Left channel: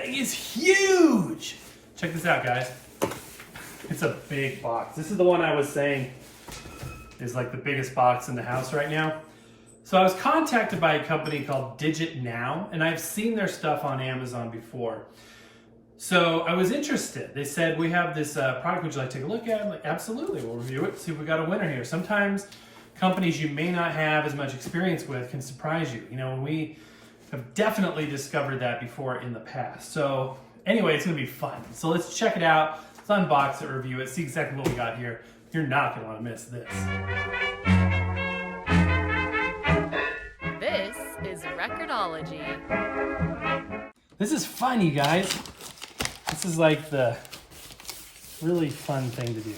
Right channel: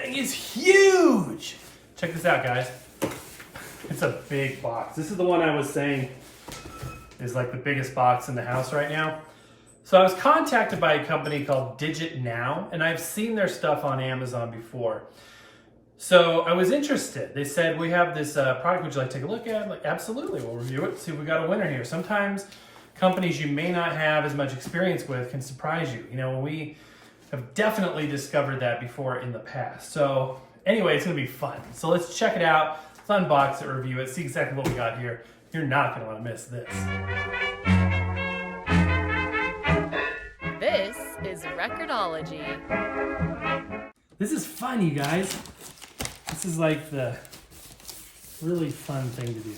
thing is huge. Check this out, guys. It's a big box. This is the one I was saying is like the biggest box in the house right now. So I was contacted by a company called Digitnow, and I've seen their stuff on Amazon before. So I was interested. They said, we have this product, would you like to take a look at? I'm like, absolutely, we'll review it, see if we got a winner here. Sometimes companies you may not have as much experience with can surprise you. You know, we have definitely discovered that before in the past. So anyway, it's gonna be fun. So let's check it out. Let's unbox it, review it, see exactly what we got here. You're not gonna wanna miss this. This is Record-ology. This is fun, you guys. This is like the really fun thing to do.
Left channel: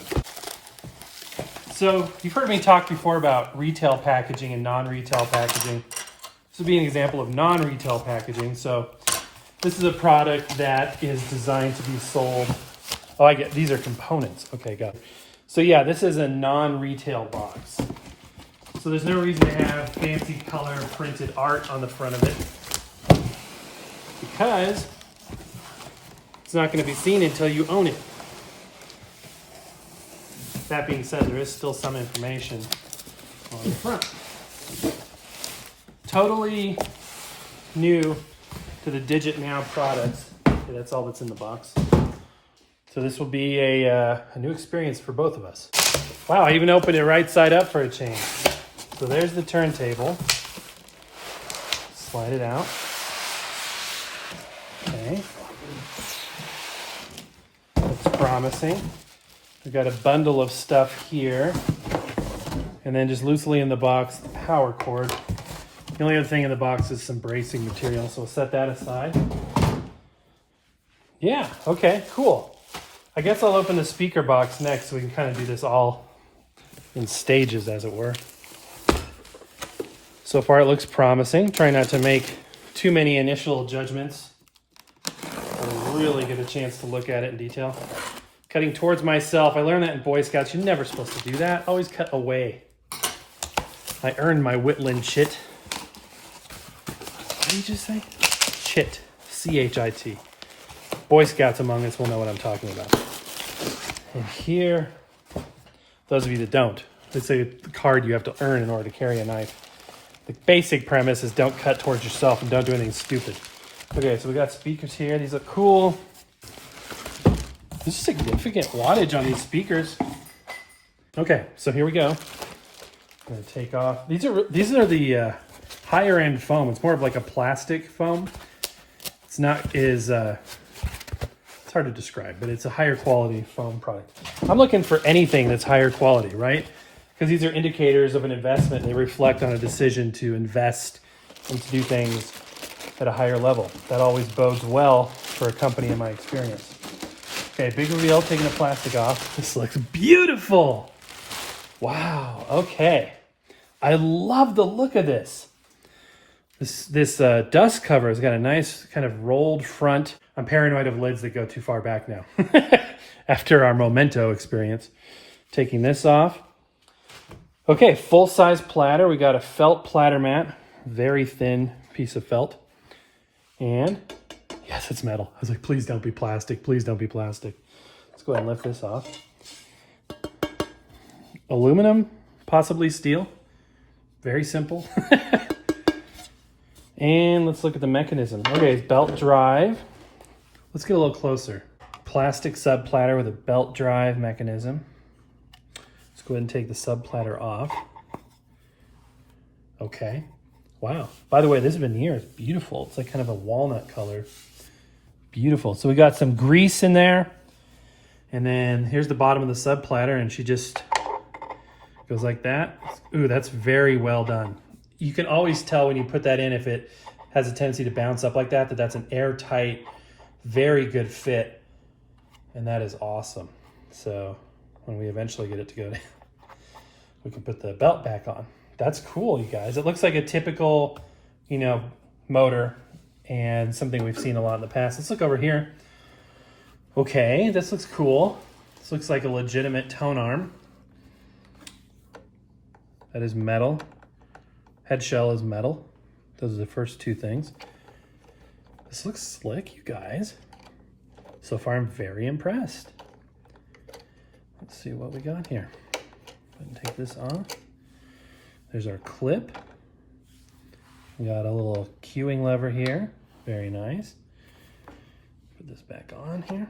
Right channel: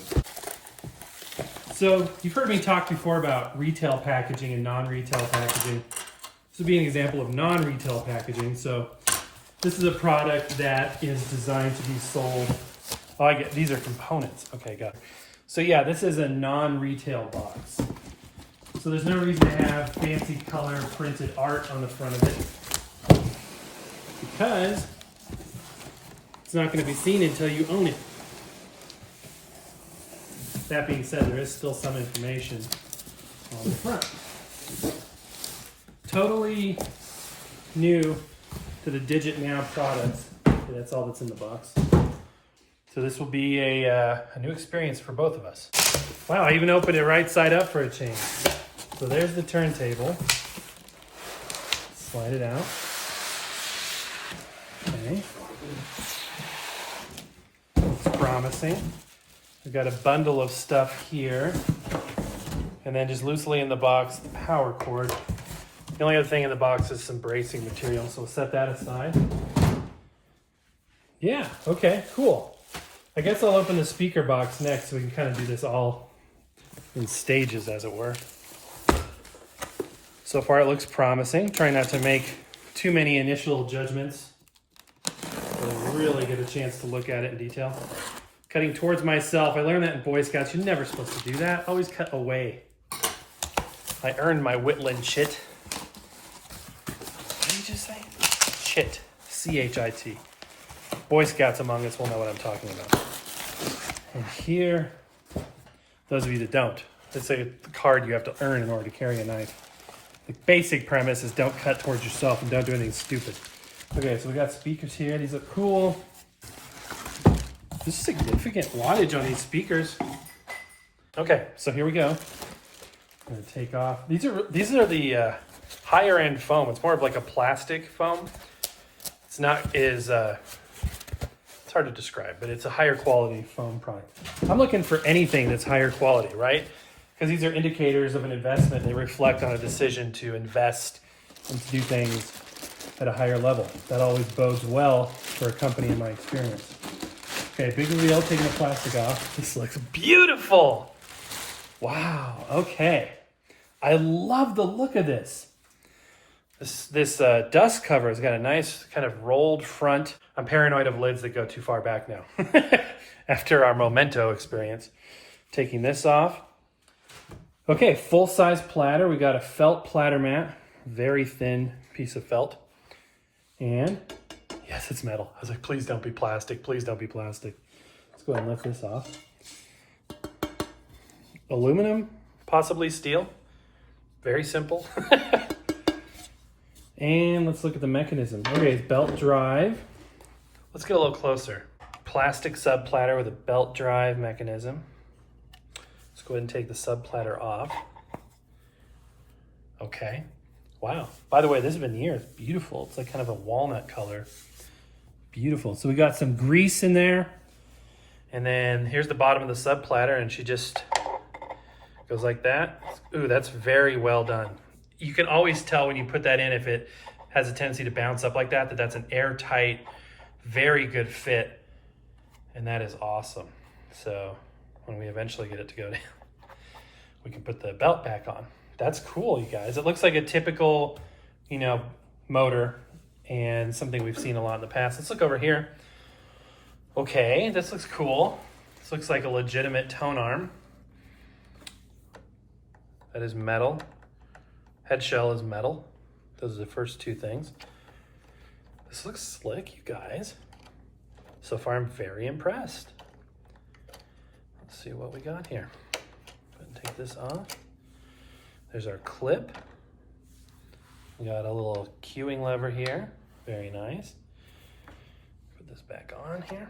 So you've heard me talk before about retail packaging and non-retail packaging. This would be an example of non-retail packaging. So this is a product that is designed to be sold. Oh, I get, these are components. Okay, got it. So yeah, this is a non-retail box. So there's no reason to have fancy color printed art on the front of it, because it's not going to be seen until you own it. That being said, there is still some information on the front. Totally new to the Digitnow products. So that's all that's in the box. So this will be a new experience for both of us. Wow, I even opened it right side up for a change. So there's the turntable. Slide it out. Okay. Looks promising. We've got a bundle of stuff here. And then just loosely in the box, the power cord. The only other thing in the box is some bracing material, so we'll set that aside. Yeah, okay, cool. I guess I'll open the speaker box next so we can kind of do this all in stages, as it were. So far it looks promising. Try not to make too many initial judgments. We'll really get a chance to look at it in detail. Cutting towards myself. I learned that in Boy Scouts. You're never supposed to do that. Always cut away. I earned my Whitland chit. What did you just say? Chit. C-H-I-T. Boy Scouts among us will know what I'm talking about. And here, those of you that don't, it's a card you have to earn in order to carry a knife. The basic premise is don't cut towards yourself and don't do anything stupid. Okay, so we got speakers here. These look cool. There's significant wattage on these speakers. Okay, so here we go. I'm gonna take off. These are the higher end foam. It's more of like a plastic foam. It's not as it's hard to describe, but it's a higher quality foam product. I'm looking for anything that's higher quality, right? Because these are indicators of an investment. They reflect on a decision to invest and to do things at a higher level. That always bodes well for a company in my experience. Okay, big reveal, taking the plastic off. This looks beautiful. Wow, okay. I love the look of this. This dust cover has got a nice kind of rolled front. I'm paranoid of lids that go too far back now. After our Memento experience. Taking this off. Okay, full-size platter. We got a felt platter mat. Very thin piece of felt. And yes, it's metal. I was like, please don't be plastic. Please don't be plastic. Let's go ahead and lift this off. Aluminum, possibly steel. Very simple. And let's look at the mechanism. Okay, belt drive. Let's get a little closer. Plastic sub platter with a belt drive mechanism. Let's go ahead and take the sub platter off. Okay. Wow. By the way, this veneer is beautiful. It's like kind of a walnut color. Beautiful. So we got some grease in there. And then here's the bottom of the sub platter, and she just goes like that. Ooh, that's very well done. You can always tell when you put that in, if it has a tendency to bounce up like that, that's an airtight, very good fit. And that is awesome. So when we eventually get it to go down, we can put the belt back on. That's cool, you guys. It looks like a typical, you know, motor and something we've seen a lot in the past. Let's look over here. Okay, this looks cool. This looks like a legitimate tone arm. That is metal. Head shell is metal. Those are the first two things. This looks slick, you guys. So far, I'm very impressed. Let's see what we got here. Take this off. There's our clip. We got a little cueing lever here. Very nice. Put this back on here.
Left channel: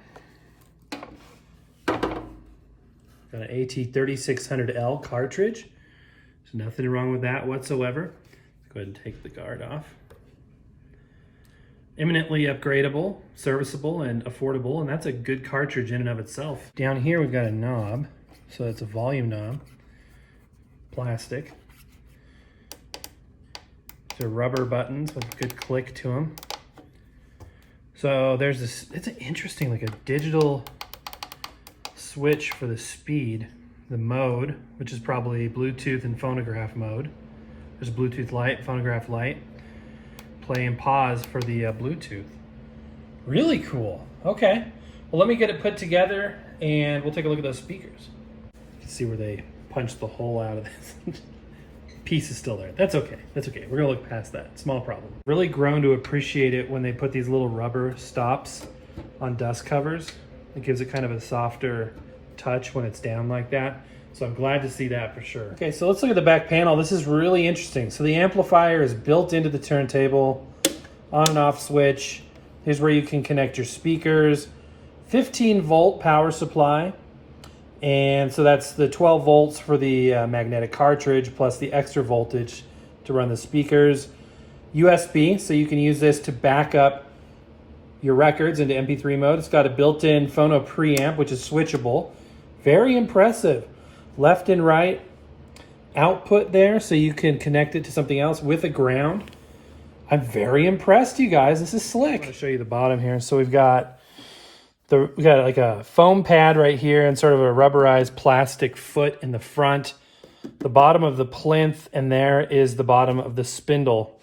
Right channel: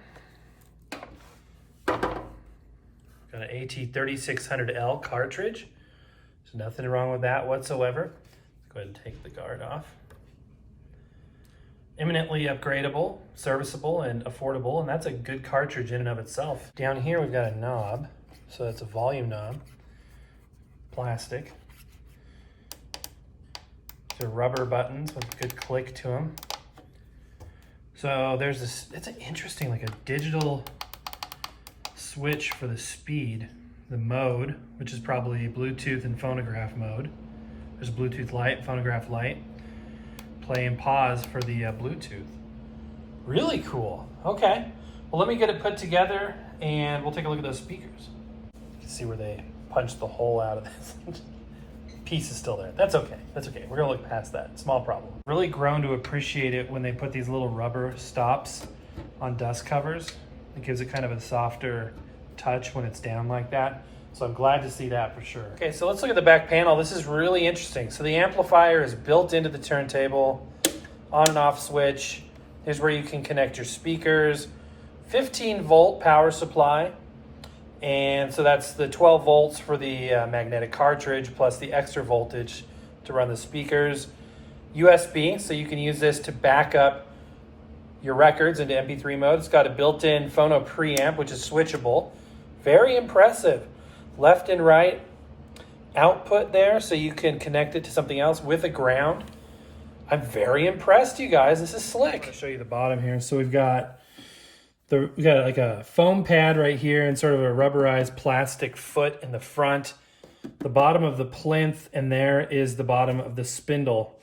Got an AT3600L cartridge. There's nothing wrong with that whatsoever. Let's go ahead and take the guard off. Eminently upgradable, serviceable, and affordable, and that's a good cartridge in and of itself. Down here we've got a knob, so it's a volume knob, plastic. So rubber buttons with a good click to them. So there's this, it's an interesting, like a digital switch for the speed, the mode, which is probably Bluetooth and phonograph mode. There's a Bluetooth light, phonograph light. Play and pause for the Bluetooth. Really cool. Okay. Well, let me get it put together and we'll take a look at those speakers. See where they punched the hole out of this. Piece is still there. That's okay. That's okay. We're gonna look past that. Small problem. Really grown to appreciate it when they put these little rubber stops on dust covers. It gives it kind of a softer touch when it's down like that. So I'm glad to see that for sure. Okay, so let's look at the back panel. This is really interesting. So the amplifier is built into the turntable, on and off switch. Here's where you can connect your speakers. 15 volt power supply. And so that's the 12 volts for the magnetic cartridge plus the extra voltage to run the speakers. USB, so you can use this to back up your records into MP3 mode. It's got a built-in phono preamp, which is switchable. Very impressive. Left and right output there, so you can connect it to something else with a ground. I'm very impressed, you guys. This is slick. I'll show you the bottom here. So we got like a foam pad right here and sort of a rubberized plastic foot in the front. The bottom of the plinth, and there is the bottom of the spindle.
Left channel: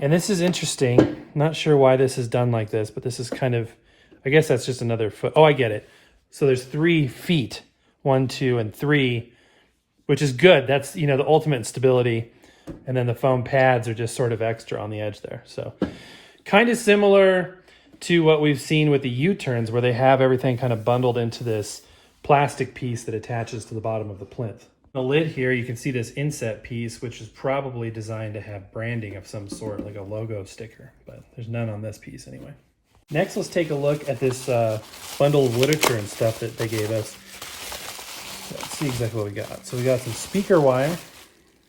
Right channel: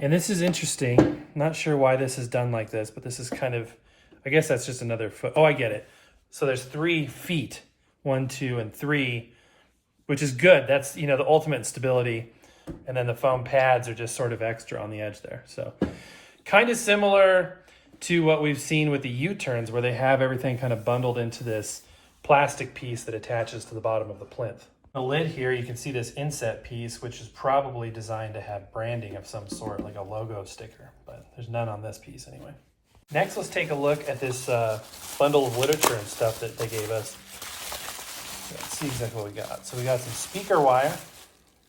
And this is interesting. Not sure why this is done like this, but this is kind of, I guess that's just another foot. Oh, I get it. So there's 3 feet. 1, 2, and 3, which is good. That's, you know, the ultimate stability. And then the foam pads are just sort of extra on the edge there. So kind of similar to what we've seen with the U-turns, where they have everything kind of bundled into this plastic piece that attaches to the bottom of the plinth. The lid here, you can see this inset piece, which is probably designed to have branding of some sort, like a logo sticker, but there's none on this piece anyway. Next, let's take a look at this bundle of literature and stuff that they gave us. Let's see exactly what we got. So we got some speaker wire.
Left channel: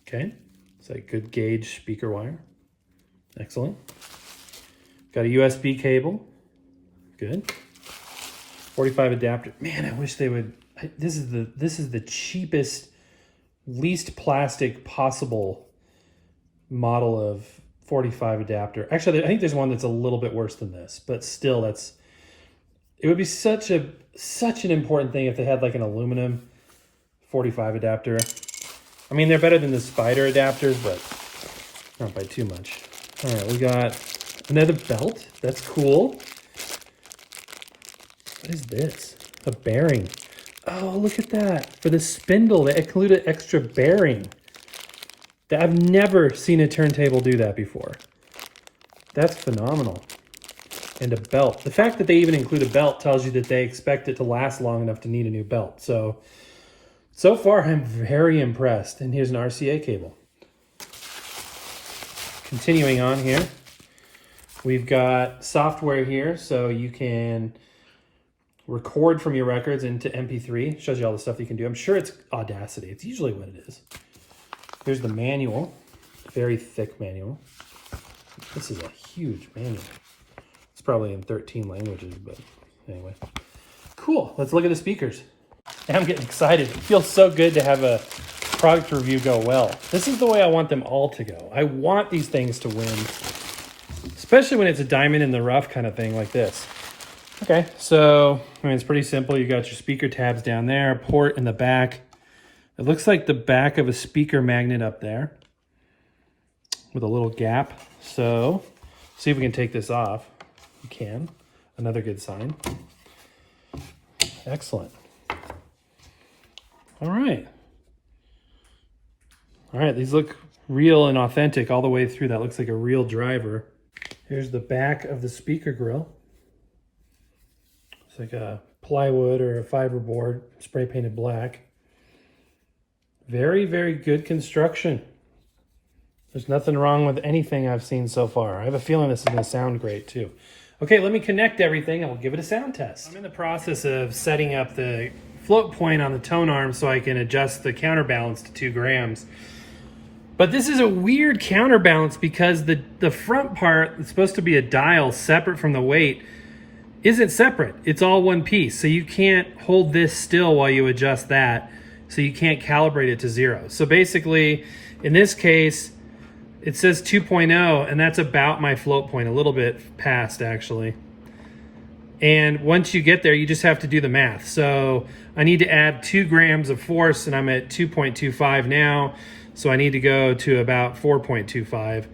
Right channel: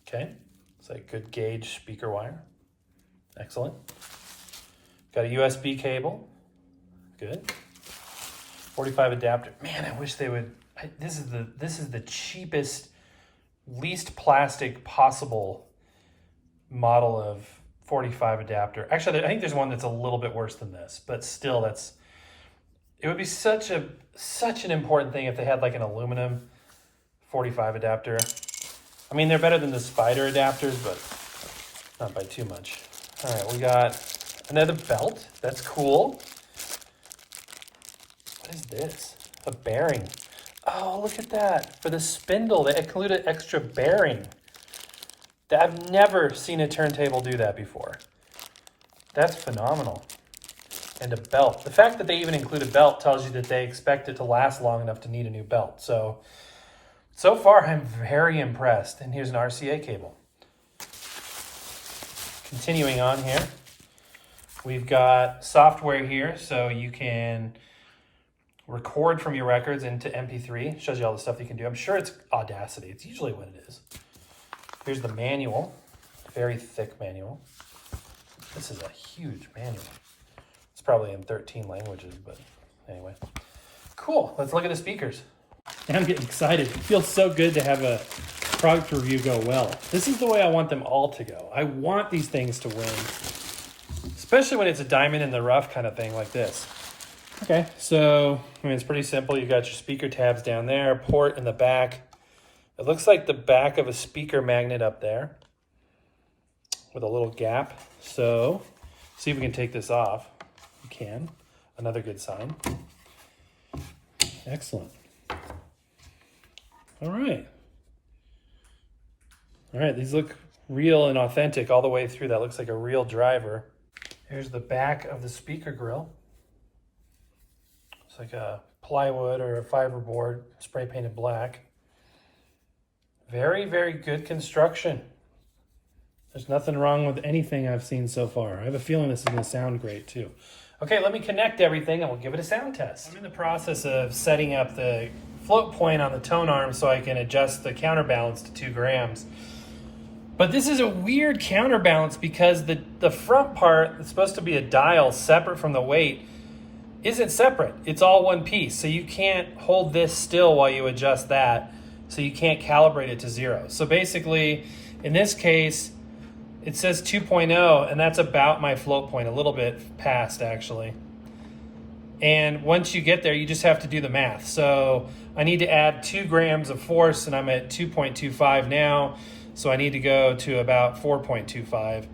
Okay, it's like good gauge speaker wire. Excellent. Got a USB cable. Good. 45 adapter. Man, I wish they would. This is the cheapest, least plastic possible model of 45 adapter. Actually, I think there's one that's a little bit worse than this, but still, it would be such an important thing if they had like an aluminum 45 adapter. I mean, they're better than the spider adapters, but not by too much. All right, we got another belt. That's cool. What is this? A bearing. Oh, look at that. For the spindle, they included extra bearing. I've never seen a turntable do that before. That's phenomenal. And a belt. The fact that they even include a belt tells you that they expect it to last long enough to need a new belt. So far, I'm very impressed. And here's an RCA cable. Continuing on here, we've got software here, so you can record from your records into MP3. Shows you all the stuff you can do. I'm sure it's Audacity. It's usually what it is. Here's the manual, very thick manual. This is a huge manual. It's probably in 13 languages, but anyway. Cool, let's look at the speakers. I'm getting excited. It feels so good to have a product review go well. This is the way I want them all to go. I want these things to win, especially when it's a diamond in the rough kind of thing like this. Okay, so I mean, it's pretty simple. You got your speaker tabs down there, a port in the back. It looks like the back of a speaker magnet up there with a little gap. So see if we can take this off. We can. Another good sign. Excellent. All right. All right, these look real and authentic all the way through. That looks like a real driver. Here's the back of the speaker grill. It's like a plywood or a fiberboard, spray painted black. Very, very good construction. There's nothing wrong with anything I've seen so far. I have a feeling this is going to sound great too. Okay, let me connect everything and we'll give it a sound test. I'm in the process of setting up the float point on the tone arm so I can adjust the counterbalance to 2 grams. But this is a weird counterbalance because the front part that's supposed to be a dial separate from the weight isn't separate. It's all one piece. So you can't hold this still while you adjust that. So you can't calibrate it to 0. So basically, in this case, it says 2.0, and that's about my float point, a little bit past actually. And once you get there, you just have to do the math. So I need to add 2 grams of force, and I'm at 2.25 now. So I need to go to about 4.25,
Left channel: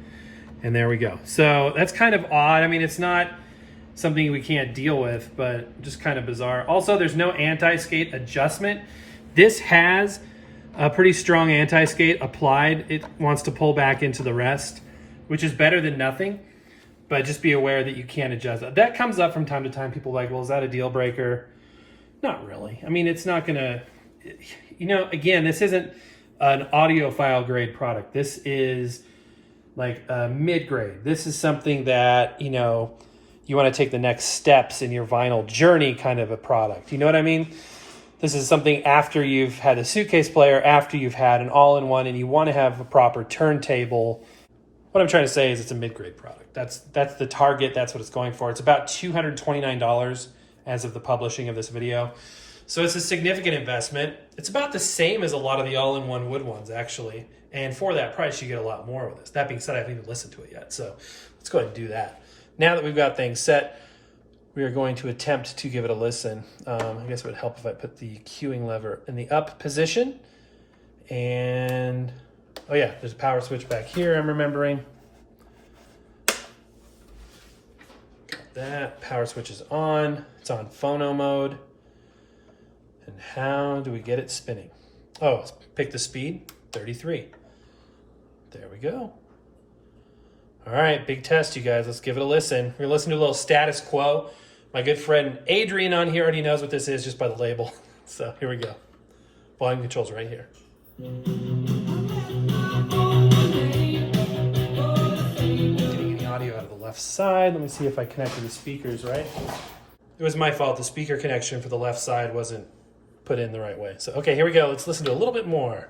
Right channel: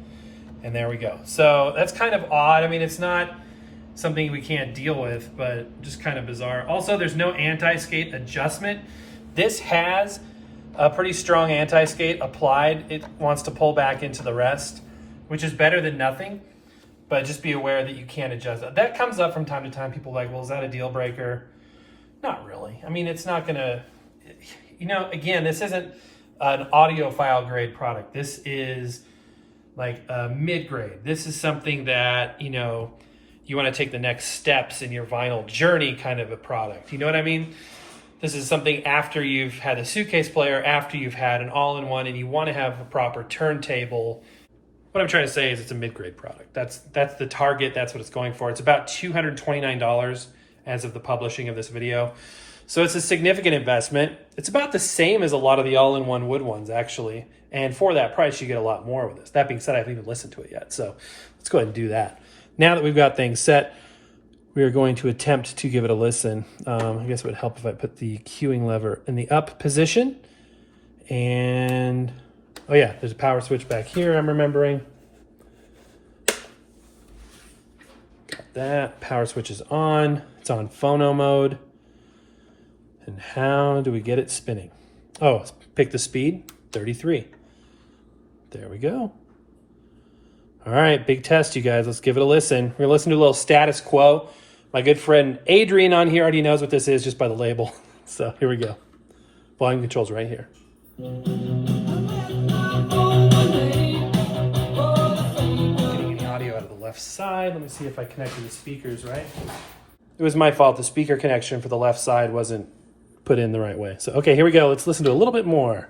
and there we go. So that's kind of odd. I mean, it's not something we can't deal with, but just kind of bizarre. Also, there's no anti-skate adjustment. This has a pretty strong anti-skate applied. It wants to pull back into the rest, which is better than nothing, but just be aware that you can't adjust that. That comes up from time to time. People are like, well, is that a deal breaker? Not really. I mean, it's not gonna, again, this isn't an audiophile grade product. This is like a mid-grade. This is something that, you want to take the next steps in your vinyl journey kind of a product. You know what I mean? This is something after you've had a suitcase player, after you've had an all-in-one, and you want to have a proper turntable. What I'm trying to say is it's a mid-grade product. That's the target. That's what it's going for. It's about $229 as of the publishing of this video. So it's a significant investment. It's about the same as a lot of the all-in-one wood ones, actually. And for that price, you get a lot more with this. That being said, I haven't even listened to it yet. So let's go ahead and do that. Now that we've got things set, we are going to attempt to give it a listen. I guess it would help if I put the cueing lever in the up position. And, oh yeah, there's a power switch back here, I'm remembering. Got that. Power switch is on. It's on phono mode. And how do we get it spinning? Oh, pick the speed, 33. There we go. All right, big test, you guys. Let's give it a listen. We're gonna listen to a little status quo. My good friend Adrian on here already knows what this is just by the label. So here we go. Volume controls right here. Getting any audio out of the left side. Let me see if I connected the speakers right. It was my fault. The speaker connection for the left side wasn't put in the right way. So, okay, here we go. Let's listen to a little bit more.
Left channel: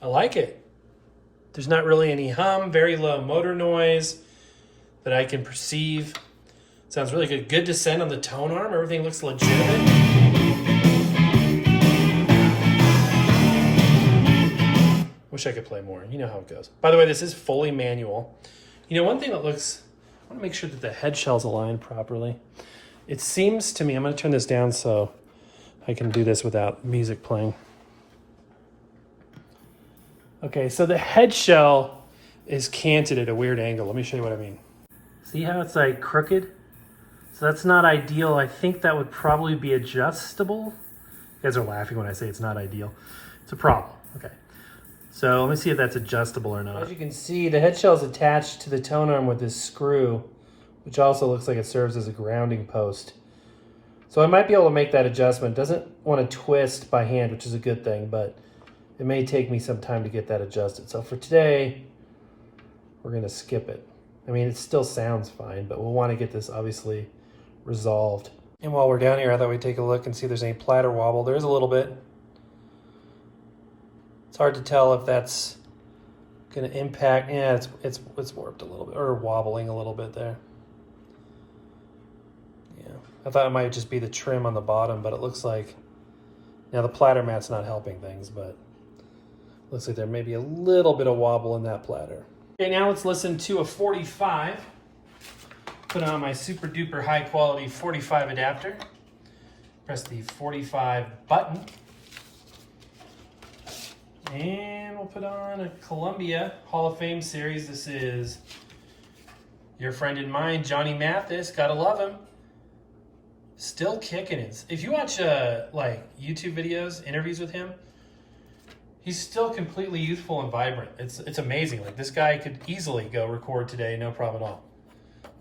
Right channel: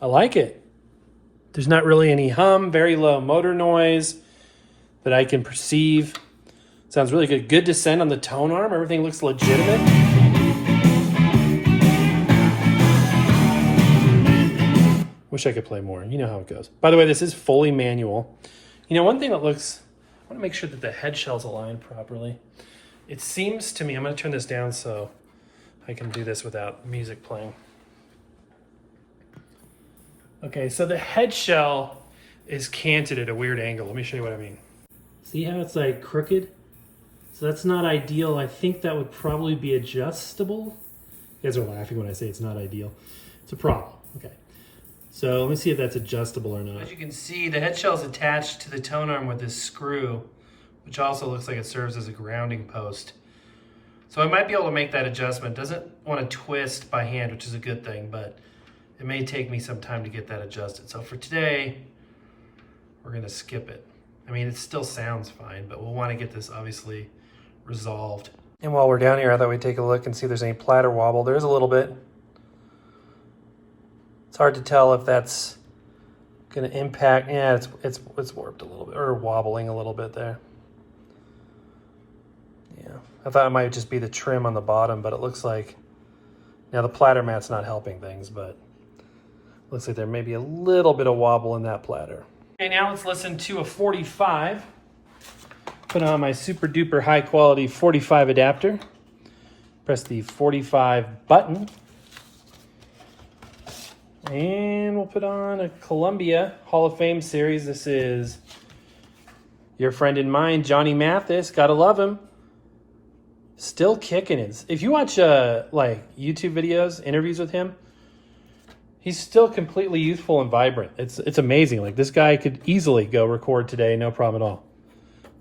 I like it. There's not really any hum, very low motor noise that I can perceive. Sounds really good. Good descent on the tone arm. Everything looks legitimate. Wish I could play more. You know how it goes. By the way, this is fully manual. One thing that looks, I want to make sure that the head shell's aligned properly. It seems to me, I'm going to turn this down so I can do this without music playing. Okay, so the head shell is canted at a weird angle. Let me show you what I mean. See how it's like crooked? So that's not ideal. I think that would probably be adjustable. You guys are laughing when I say it's not ideal. It's a problem. Okay. So let me see if that's adjustable or not. As you can see, the head shell is attached to the tone arm with this screw, which also looks like it serves as a grounding post. So I might be able to make that adjustment. Doesn't want to twist by hand, which is a good thing, but it may take me some time to get that adjusted. So for today, we're gonna skip it. I mean, it still sounds fine, but we'll wanna get this obviously resolved. And while we're down here, I thought we'd take a look and see if there's any platter wobble. There's a little bit. It's hard to tell if that's gonna impact. Yeah, it's warped a little bit, or wobbling a little bit there. Yeah, I thought it might just be the trim on the bottom, but it looks like, the platter mat's not helping things, but looks like there may be a little bit of wobble in that platter. Okay, now let's listen to a 45. Put on my super duper high quality 45 adapter. Press the 45 button. And we'll put on a Columbia Hall of Fame series. This is your friend and mine, Johnny Mathis. Gotta love him. Still kicking it. If you watch like YouTube videos, interviews with him, he's still completely youthful and vibrant. It's amazing. Like this guy could easily go record today, no problem at all.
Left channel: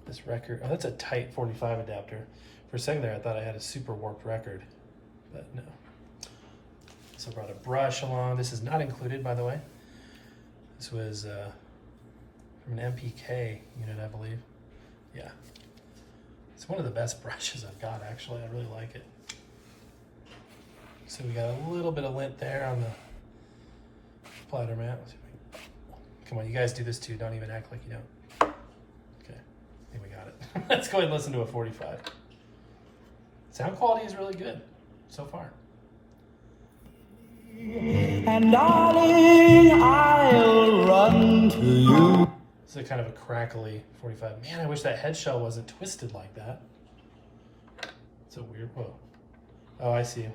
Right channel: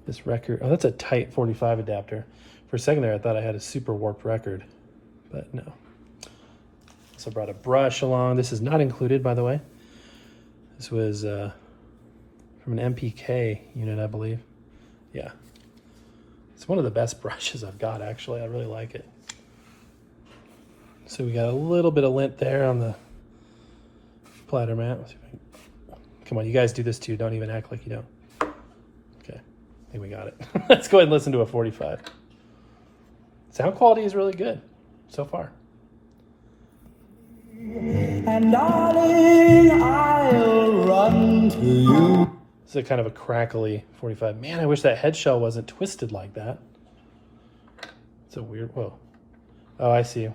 This record, oh, that's a tight 45 adapter. For a second there, I thought I had a super warped record, but no. So I brought a brush along. This is not included, by the way. This was from an MPK unit, I believe. Yeah. It's one of the best brushes I've got, actually. I really like it. So we got a little bit of lint there on the platter mat. Come on, you guys do this too. Don't even act like you don't. Okay, I think we got it. Let's go ahead and listen to a 45. Sound quality is really good so far. And darling, I'll run to you. It's a kind of a crackly 45. Man, I wish that head shell wasn't twisted like that. It's a weird, whoa. Oh, I see.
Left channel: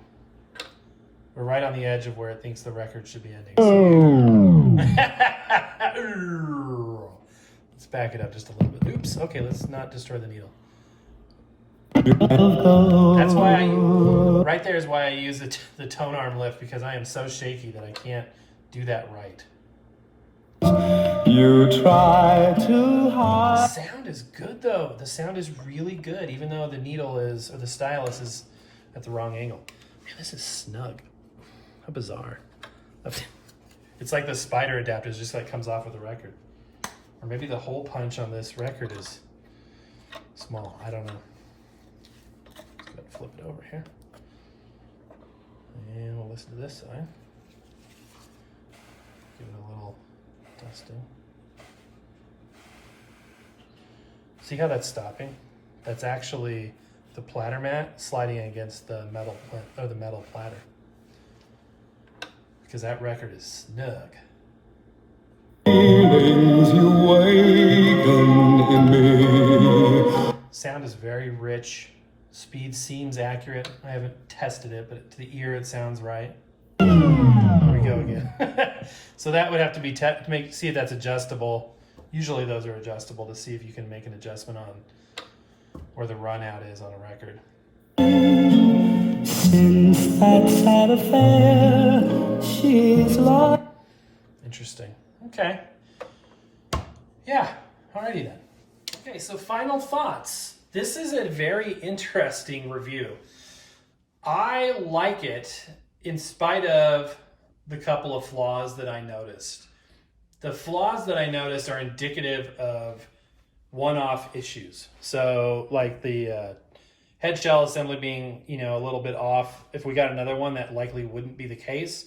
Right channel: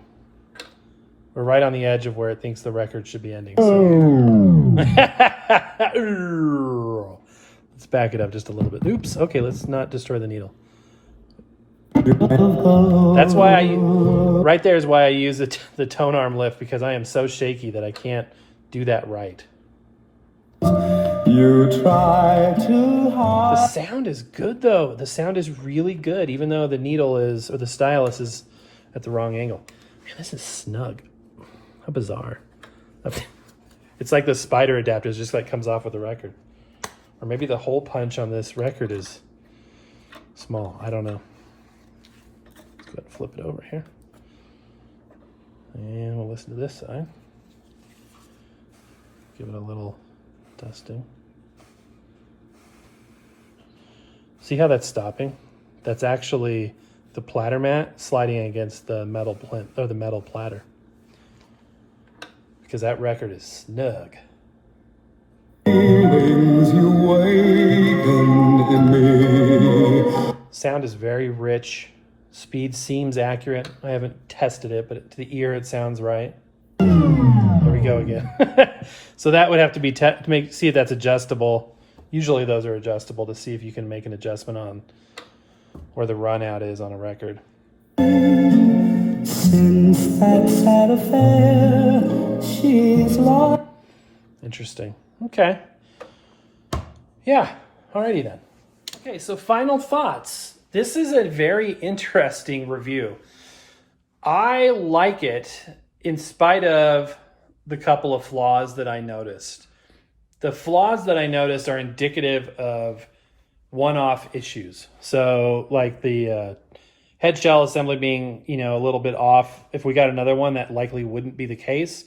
We're right on the edge of where it thinks the record should be ending. So. Let's back it up just a little bit. Oops, okay, let's not destroy the needle. That's why right there is why I use the tone arm lift, because I am so shaky that I can't do that right. You try too hard. The sound is good though. The sound is really good, even though the needle is, or the stylus is at the wrong angle. Man, this is snug. How bizarre. It's like the spider adapters just like comes off with the record. Or maybe the hole punch on this record is small. I don't know. Let's go ahead and flip it over here. And we'll listen to this side. Give it a little dusting. See how that's stopping? That's actually the platter mat sliding against the metal plinth, or the metal platter. Because that record is snug. Feelings you awakened in me. Sound is very rich. Speed seems accurate. I haven't tested it, but to the ear it sounds right. There we go again. So that would have to be to see if that's adjustable. Usually those are adjustable to see if you can make an adjustment on where the run out is on a record. Since that sad affair, she's lost. Interesting. Okay. Yeah. Alrighty then. Okay, so final thoughts. This is a very interesting review. I like it in spite of the couple of flaws that I noticed. The flaws that I noticed are indicative of one-off issues. So like the head shell assembly being, a little bit off. If we got another one, that likely wouldn't be the case.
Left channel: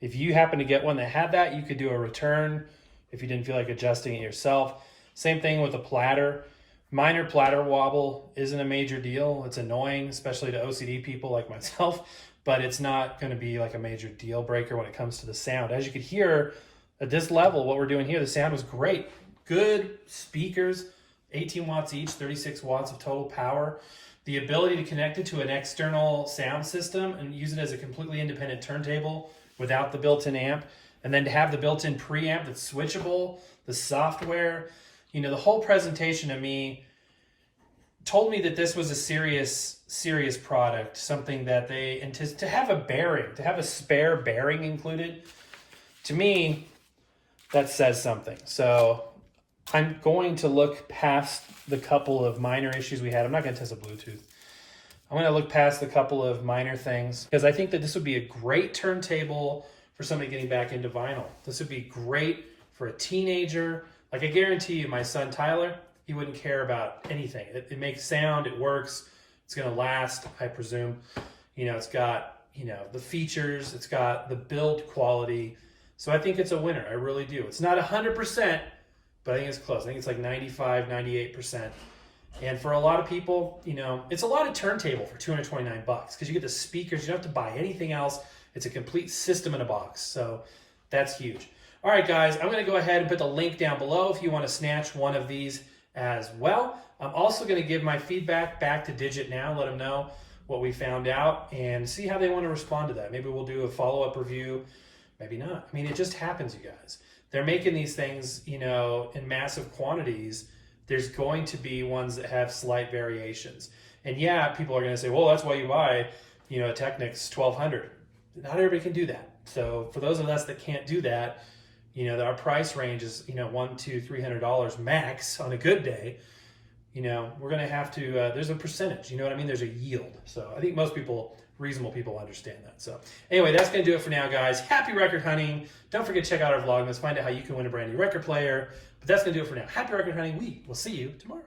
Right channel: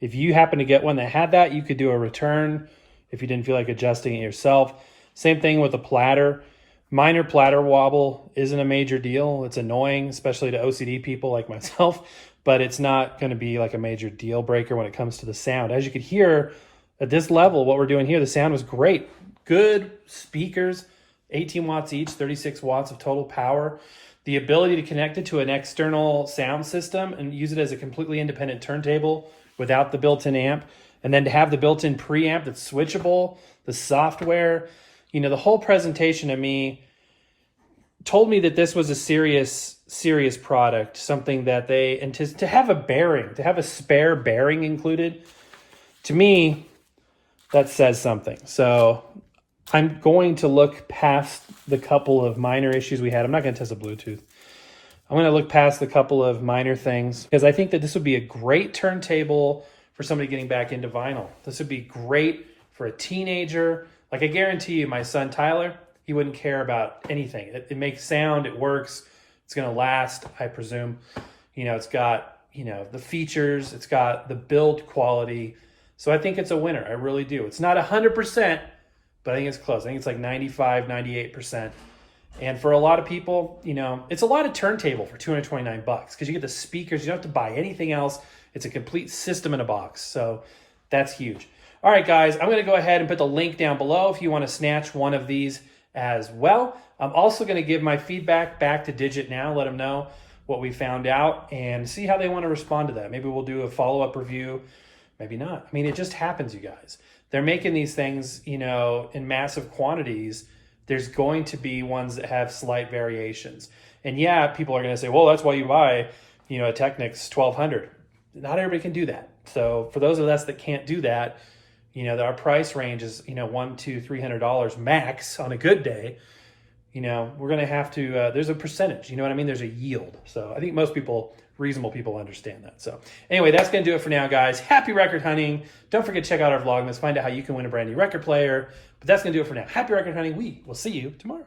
If you happen to get one that had that, you could do a return if you didn't feel like adjusting it yourself. Same thing with the platter. Minor platter wobble isn't a major deal. It's annoying, especially to OCD people like myself, but it's not going to be like a major deal breaker when it comes to the sound. As you could hear at this level, what we're doing here, the sound was great. Good speakers, 18 watts each, 36 watts of total power. The ability to connect it to an external sound system and use it as a completely independent turntable without the built-in amp, and then to have the built-in preamp that's switchable, the software, the whole presentation to me told me that this was a serious product, something that and to have a bearing, to have a spare bearing included, to me, that says something. So I'm going to look past the couple of minor issues we had. I'm not going to test the Bluetooth. I'm going to look past the couple of minor things because I think that this would be a great turntable for somebody getting back into vinyl. This would be great for a teenager. Like I guarantee you, my son Tyler, he wouldn't care about anything. It makes sound, it works, it's going to last, I presume. It's got, the features, it's got the build quality. So I think it's a winner. I really do. It's not 100%, but I think it's close. I think it's like 95, 98%. And for a lot of people, it's a lot of turntable for $229 because you get the speakers. You don't have to buy anything else. It's a complete system in a box. So that's huge. All right, guys, I'm going to go ahead and put the link down below if you want to snatch one of these as well. I'm also going to give my feedback back to Digitnow, let them know what we found out and see how they want to respond to that. Maybe we'll do a follow-up review. Maybe not. I mean, it just happens, you guys. They're making these things, in massive quantities. There's going to be ones that have slight variations. And yeah, people are going to say, well, that's why you buy, a Technics 1200. Not everybody can do that. So for those of us that can't do that, our price range is, $100, $200, $300 max on a good day. We're going to have to, there's a percentage, you know what I mean? There's a yield. So I think most people, reasonable people, understand that. So anyway, that's going to do it for now, guys. Happy record hunting. Don't forget to check out our Vlogmas, find out how you can win a brand new record player. But that's going to do it for now. Happy record hunting. We will see you tomorrow.